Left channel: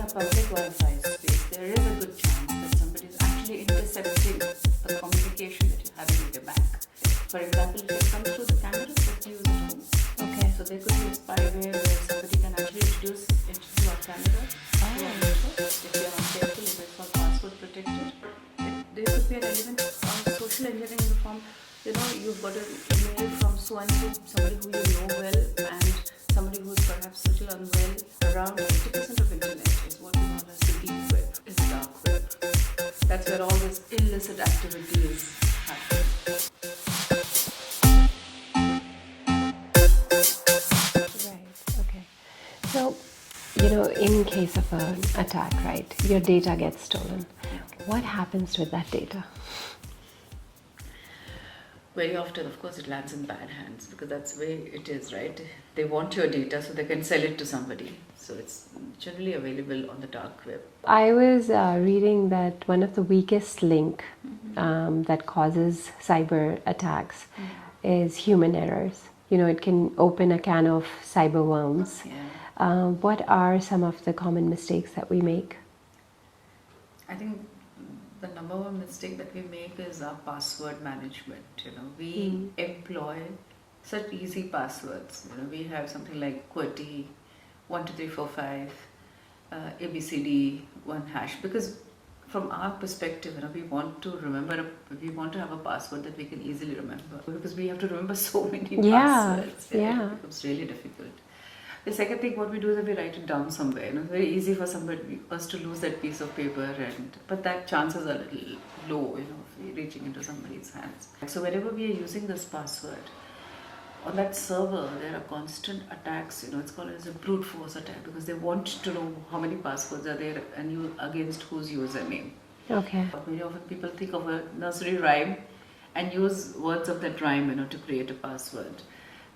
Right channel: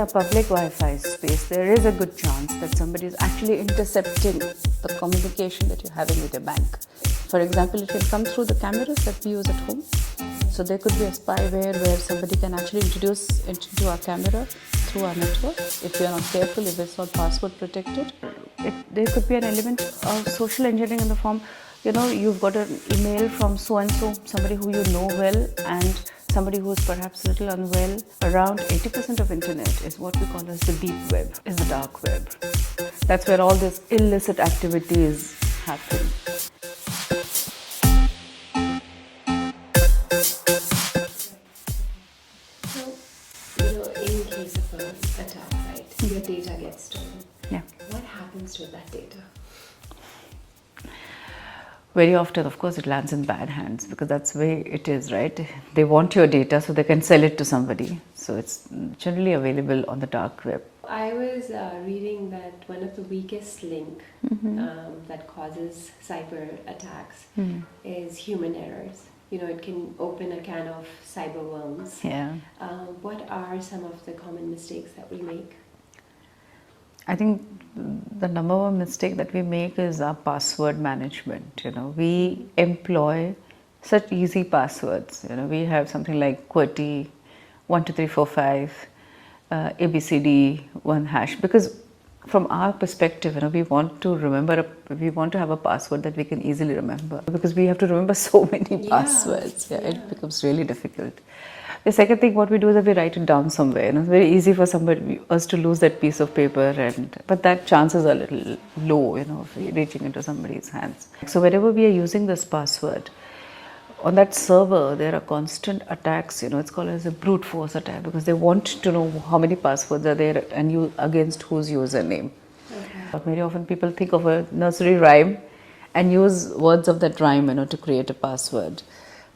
a public Wi-Fi space, there is a good chance that somebody is actually intercepting the communication that you're having with your bank. For example, it can come through the cameras that we use at home. Okay. So there could be a spyware where somebody can actually introduce into our camera through our network. If we are not careful, if it's not password protected, there could be an element of social engineering in the form, you've got an email from so-and-so, somebody who you know well, and somebody who is perhaps a little unwell. Around 80% of internet is what we call as the deep web, is the dark web. That's where all this illicit activity is happening. So, in case of an attack, right, your data gets stolen. Yeah. What happens with that data? Very often, of course, it lands in bad hands because that's the way it is, right? They want your data so they can sell it to somebody. So it's generally available on the dark web. I was reading that one of the weakest link that causes cyber attacks is human errors. It can open a can of cyber worms. Yeah. What are some of the common mistakes that we make? I think the number one mistake that we make is our password management. We employ such easy passwords. We have something like QWERTY 12345 ABCD 1 hash, because from our perspective, we want to have a password that we can easily remember, because we have to remember so many passwords. It becomes really difficult. The second thing, what we do is that we write it down somewhere. It's very easy for us to lose that piece of paper, but that chances are a little low, of reaching into somebody's hands. So whenever we are using this password, on that server, there are constant attacks. It's called as a brute force attack, because they want to know how many passwords are there and against whose username. Okay. But very often people think of a nursery rhyme and use words of that rhyme, to create a password.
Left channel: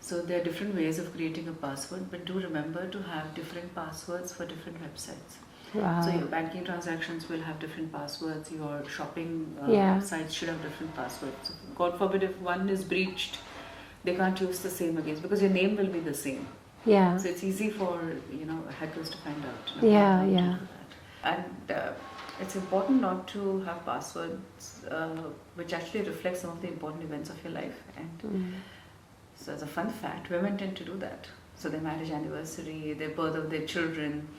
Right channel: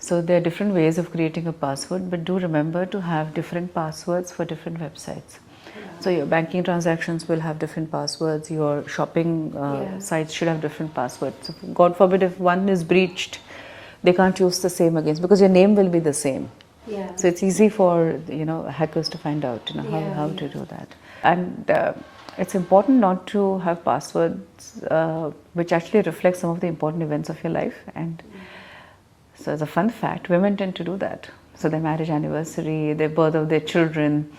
So there are different ways of creating a password, but do remember to have different passwords for different websites. Wow. So your banking transactions will have different passwords, your shopping sites should have different passwords. So God forbid if one is breached, they can't use the same against, because your name will be the same. Yeah. So it's easy for hackers to find out how to do that. And it's important not to have passwords which actually reflect some of the important events of your life. And so as a fun fact, women tend to do that. So their marriage anniversary, their birth of their children,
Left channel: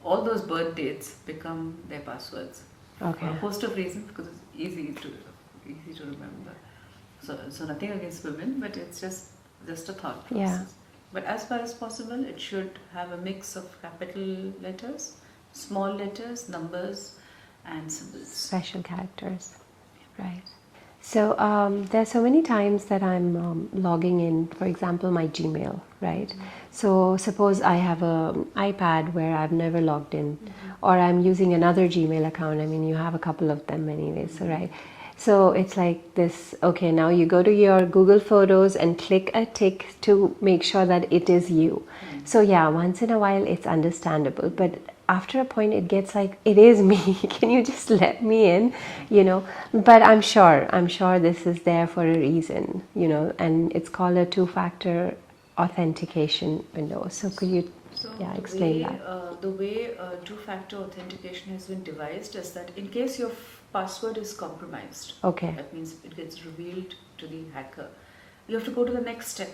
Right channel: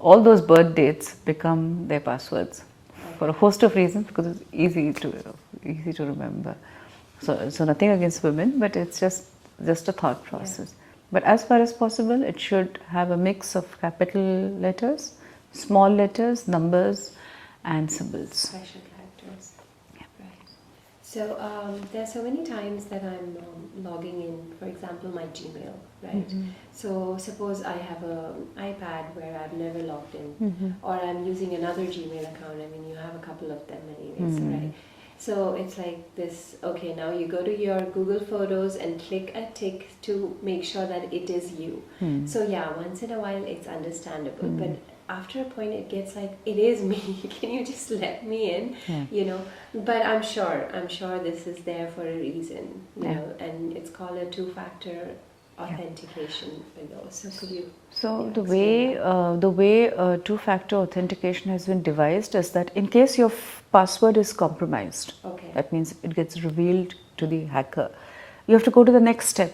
all those birth dates become their passwords for a host of reasons, because it's easy to remember. So nothing against women, but it's just a thought process. Yeah. But as far as possible, it should have a mix of capital letters, small letters, numbers, and symbols. Special characters. Yeah. Right. So there's so many times that I'm logging in, for example, my Gmail, right? So suppose I have an iPad where I've never logged in, or I'm using another Gmail account. I mean, you have a couple of them anyways, right? So it's like this, okay, now you go to your Google Photos and click a tick to make sure that it is you. So yeah, once in a while it's understandable, but after a point it gets like, it is me, can you just let me in, but I'm sure this is there for a reason, and it's called a two-factor authentication window. So could you the way two-factor authentication has been devised is that in case your password is compromised, that means it gets revealed to the hacker, you have to go to the next step,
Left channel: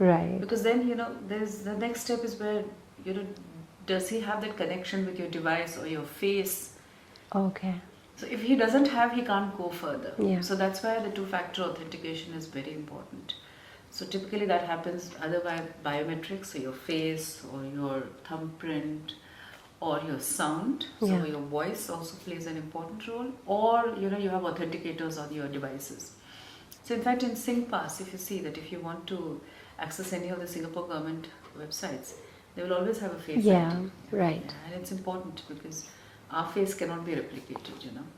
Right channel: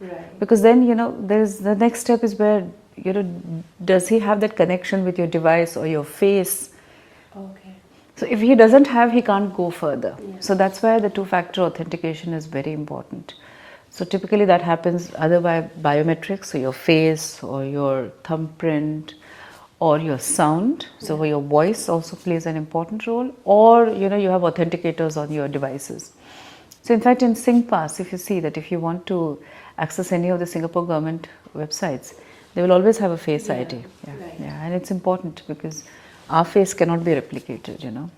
right? Because then there's the next step is where does he have that connection with your device or your face? Okay. So if he doesn't have, he can't go further. Yeah. So that's why the two-factor authentication is very important. So typically that happens either by biometrics, so your face or your thumbprint or your sound. So your voice also plays an important role, or you have authenticators on your devices. So in fact in SingPass, if you see that if you want to access any of the Singapore government websites, they will always have a face ID. Right. Yeah, and it's important because our face cannot be replicated,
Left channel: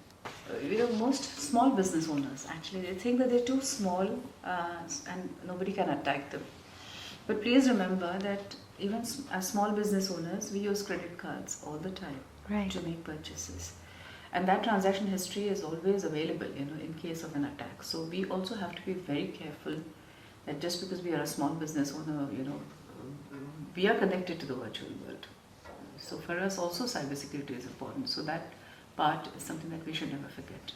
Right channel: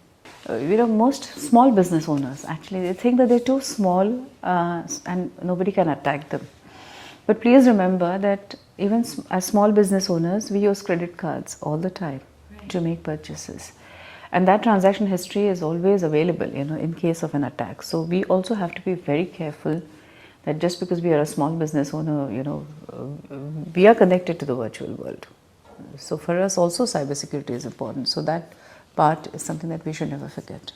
most small business owners, actually, they think that they're too small and nobody can attack them. But please remember that even as small business owners, we use credit cards all the time to make purchases. And that transaction history is always available, in case of an attack. So we also have to be very careful that just because we are a small business owner, we are connected to the virtual world. So for us also cybersecurity is important. So that part is something that we should never forget.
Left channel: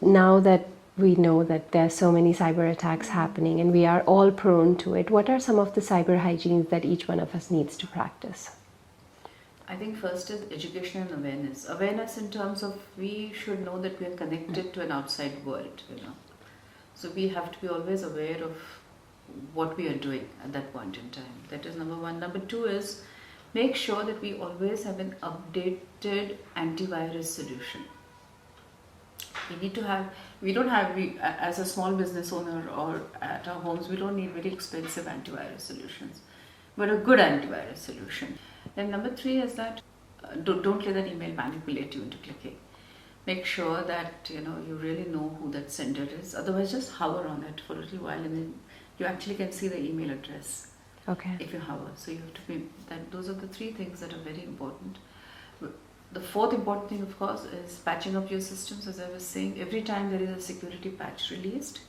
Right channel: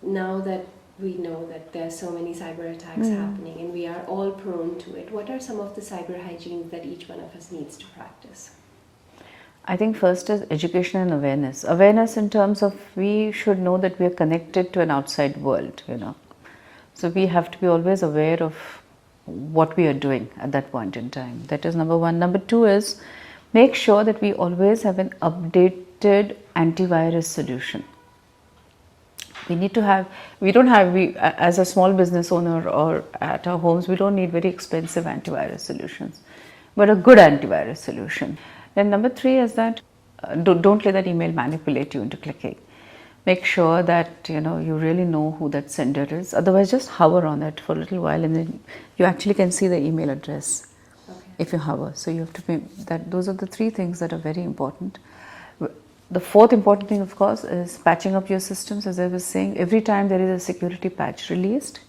Now that we know that there's so many cyber attacks happening and we are all prone to it, what are some of the cyber hygienes that each one of us needs to practice? I think first is education and awareness. Awareness in terms of we should know that we are connected to an outside world, So we have to be always aware of what we are doing at that point in time. That is number one. Number two is make sure that we always have an updated antivirus solution. As a small business owner or at our homes, we don't need very expensive antivirus solutions, but a good antivirus solution. Then number three is that don't let that email manipulate you into clicking. Make sure that you really know who that sender is. Otherwise, just hover on it for a little while, and then you actually can see the email address. Okay. If you hover, so you have to be that. Those are the three things that are very important. The fourth important thing, of course, is patching up your systems. As I was saying, every time there is a security patch released,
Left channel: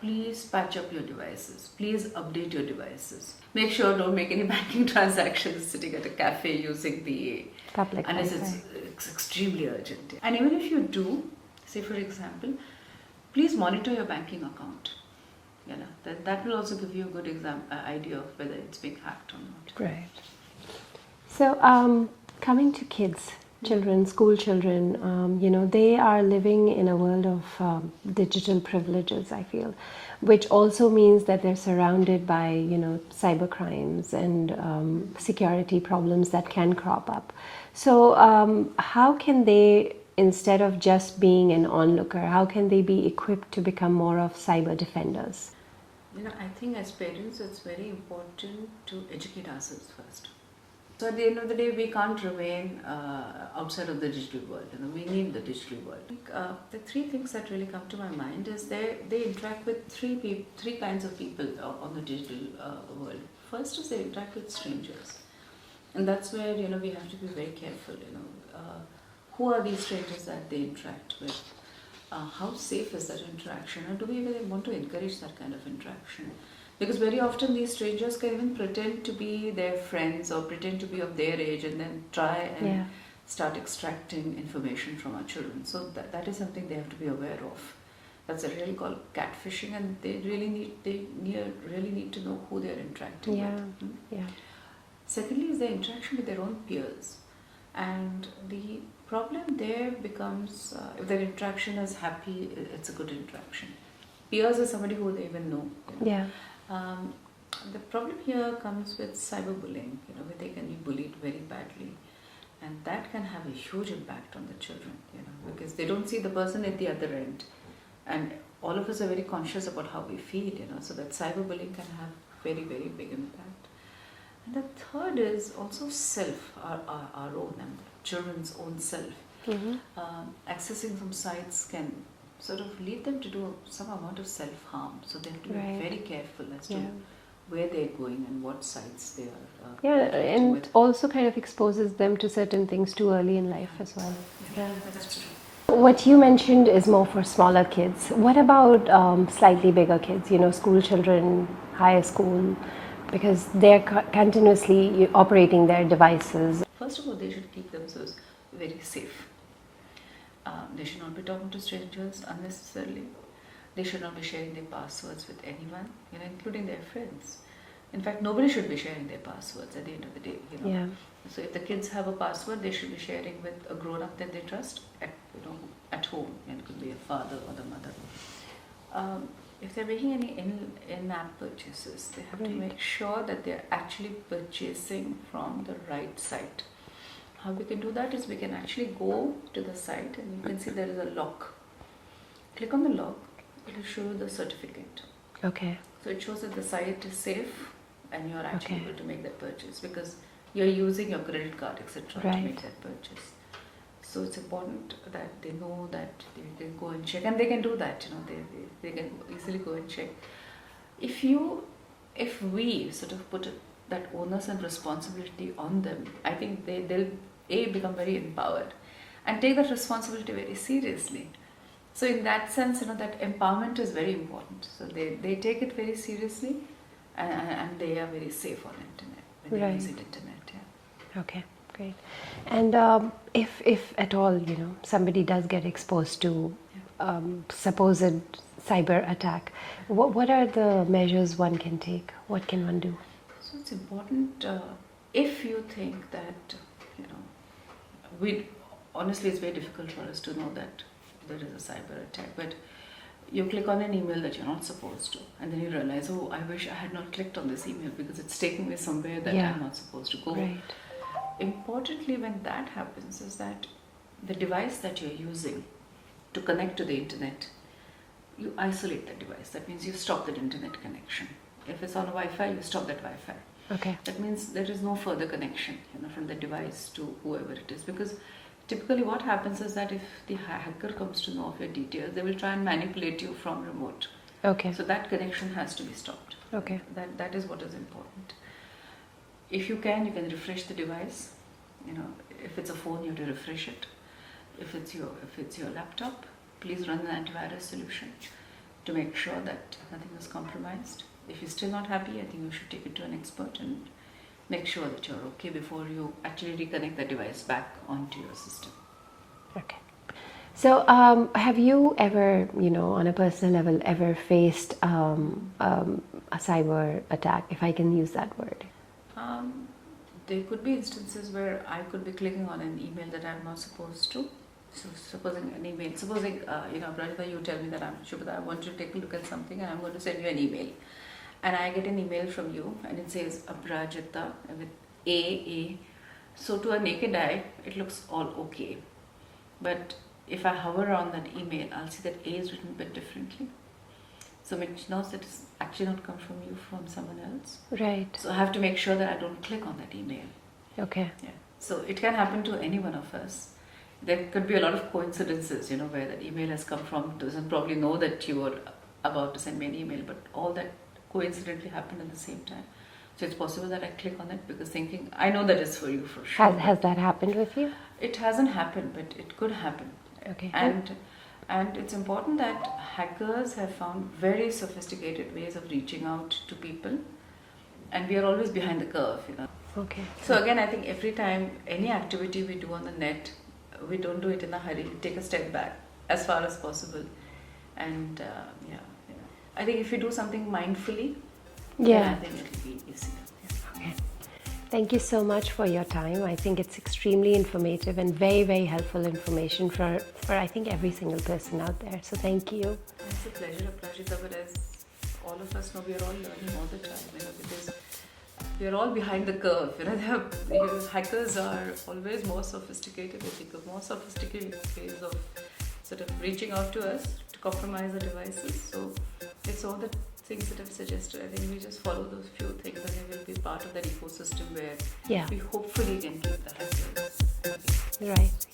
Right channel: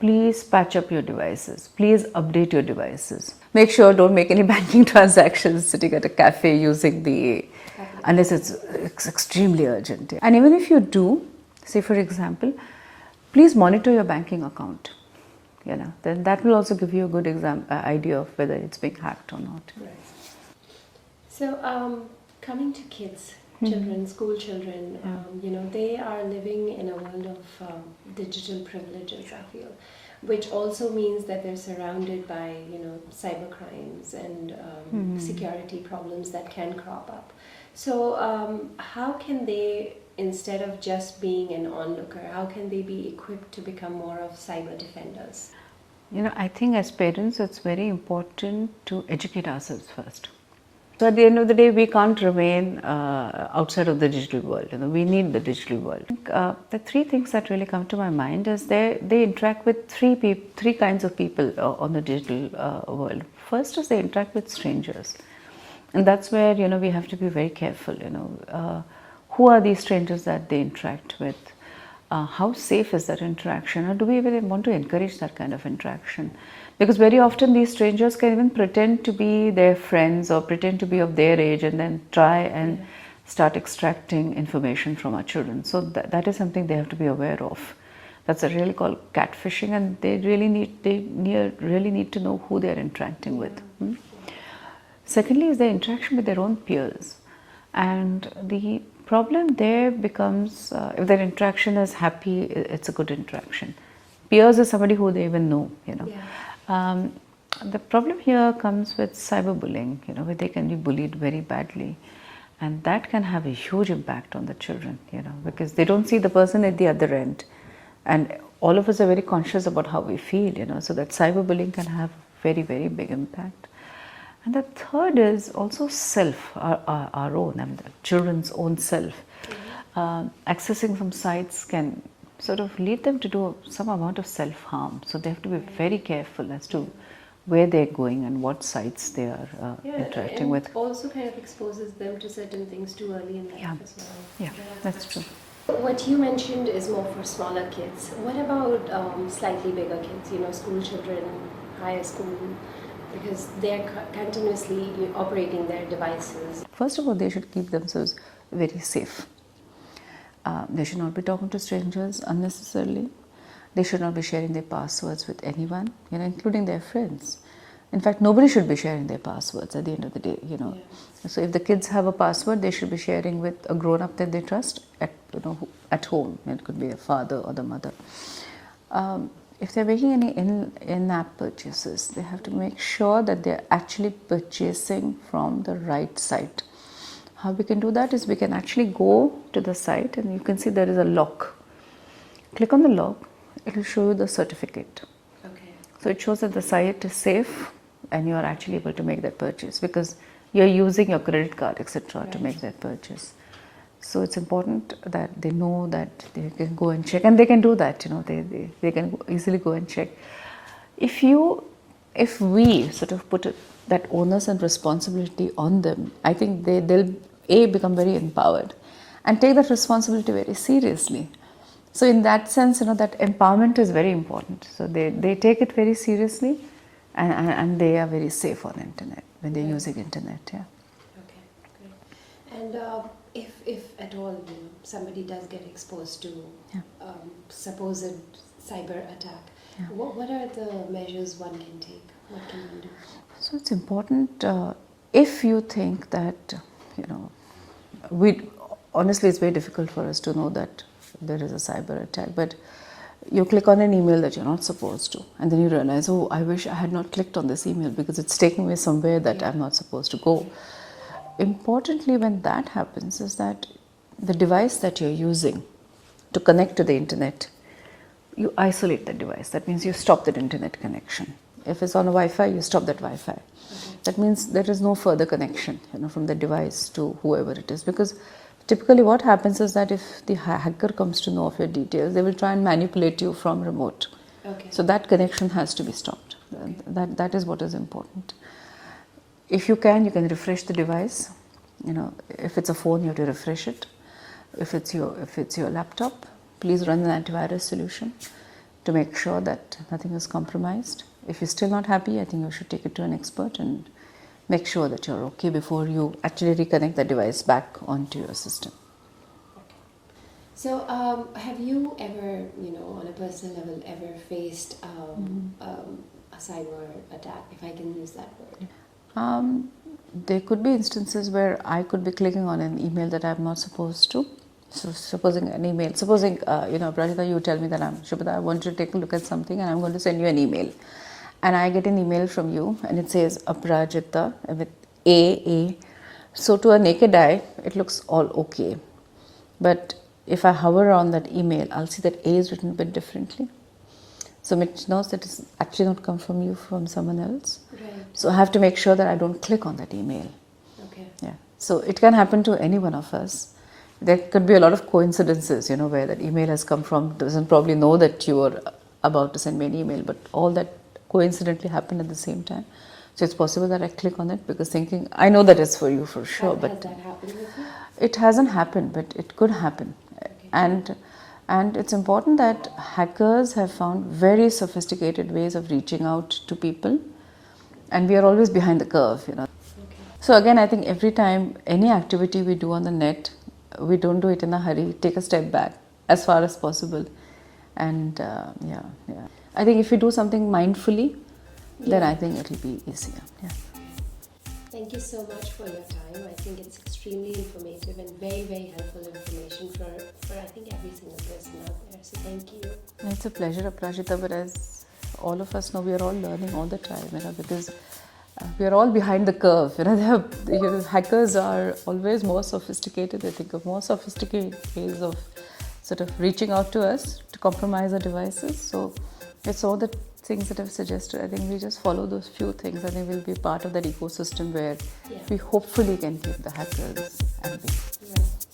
please patch up your devices. Please update your devices. Make sure don't make any banking transactions sitting at a cafe using the Public unless it's extremely urgent. And even if you do, say for example, please monitor your banking account. Then that will also give you a good idea of whether it's being hacked or not. Right. So coming to kids, children, school children, they are living in a world of digital privileges, I feel, which also means that they're surrounded by, cyber crimes and security problems that can crop up. So how can they, instead of just being an onlooker, how can they be equipped to become more of cyber defenders? I think as parents, it's very important to educate ourselves first. So at the end of the day, we can't remain outside of the digital world. We need the digital world. The three things that really come to my mind is they interact with three kinds of people on the digital world. First is they interact with strangers, and that's where we have to be very careful. Who are these strangers that they interact with? How safe is that interaction, or do we even want to encourage that kind of interaction? Because very often these strangers can even pretend to be their friends or pretend to be of their age and then try and start extracting information from our children. So that is something they have to be aware of. That's really called catfishing, and they really need to know who they are interacting with. Secondly is the interaction with their own peers, and the problem there becomes if their interaction is happy, it's a good interaction. Peers is somebody who they even know. The problem here comes with cyberbullying, where they can be bullied very badly, and that can have a huge impact on the children, because they don't see the person at the other end, and all of us are very conscious about how we feel, so that cyberbullying can have very, very big impact. And the third is also self, our own, the children's own self. Accessing some sites can sort of lead them to do some amount of self-harm. So they have to be very careful as to where they're going and what sites they are interacting with. And also kind of exposes them to certain things too early in life as well. Yeah, that's true. What you mentioned is more for smaller kids. What about slightly bigger kids, school children, higher school? Because they're continuously operating their devices. First of all, they should keep themselves very safe. They should not be talking to strangers unnecessarily. They should not be sharing their passwords with anyone, including their friends. In fact, nobody should be sharing their passwords at the end of the day, So if the kids have a password, they should be sharing with a grown-up that they trust at home. It could be a father or the mother. If they're making any in-app purchases, they have to make sure that they're actually purchasing from the right site. How we can do that is we can actually go to the site and you can see there is a lock. Click on the lock, it will show you the certificate. Okay. So it shows that the site is safe and you are actually able to make that purchase because you're using your credit card, etc. to make that purchase. So it's important that they know that they can go and check, and they can do that. They can easily go and check. If we sort of put that onus and responsibility on them, I think they'll become very empowered and take that responsibility very seriously. So in that sense, that empowerment is very important. So they take it very seriously, and they are very safe on internet when they're using internet. Yeah. Okay, great. And if at all, you know, somebody does get exposed to supposed cyber attack, what are the measures one can take? What can one do? So it's important if you think that, you know, we honestly it's very difficult for us to know that there is a cyber attack, but you click on an email that you're not supposed to, and then you realize, oh, I wish I had not clicked on this email because it's taking me somewhere that I'm not supposed to go. Right. Importantly, when that happens, is that the device that you're using to connect to the internet, you isolate that device. That means you stop that internet connection. If it's on a Wi-Fi, you stop that Wi-Fi. Okay. That means there is no further connection, you know, from the device to whoever it is. Because typically what happens is that if the hacker comes to know of your details, they will try and manipulate you from remote. Okay. So that connection has to be stopped. Okay. That is what is important. If you can refresh the device. You know, if it's a phone, you have to refresh it. If it's your laptop, please run an antivirus solution to make sure that nothing is compromised. If you're still not happy, I think you should take it to an expert and make sure that you're okay before you actually reconnect the device back onto your system. Okay. So, have you ever, you know, on a personal level, ever faced a cyber attack, if I can use that word? There could be instances where I could be clicking on an email that I'm not supposed to. So supposing Prajita, you tell me that Shubhata, I want you to take a look at something and I'm going to send you an email. And I get an email from you and it says Aprajita with A. So to a naked eye, it looks all okay. But if I hover on that email, I'll see that A is written a bit differently. So it knows that it's actually not come from you, from someone else. Right. So I have to make sure that I don't click on that email. Okay. Yeah. So it can happen to any one of us. There could be a lot of coincidences, you know, where that email has come from, doesn't probably know that you were about to send me an email, but all that coincidentally happened at the same time. So it's possible that I click on it because thinking, I know that it's for you for sure. Has that happened with you? It hasn't happened, but it could happen. Okay. And it's important that hackers have found very sophisticated ways of reaching out to people, and we are always behind the curve, you know. Okay. So again, I think every time any activity we do on the net, we don't do it in a hurry. Take a step back as far as possible, and I think if you do something mindfully, then I think it'll be easier. Yeah. Okay. Thank you so much for your time. I think it's extremely informative and very, very helpful information for I think every single person out there. So thank you. It's a pleasure, Aprajita, but as all of us know, we are all learning all the time, you know, because we are all behind the curve. You know, hackers are always more sophisticated. They think of more sophisticated ways of sort of reaching out to us to compromise our devices. So it's all the things that I've suggested. I think we just follow those few things. I think we'll be part of that ecosystem where we hopefully can keep the hackers at bay. Right.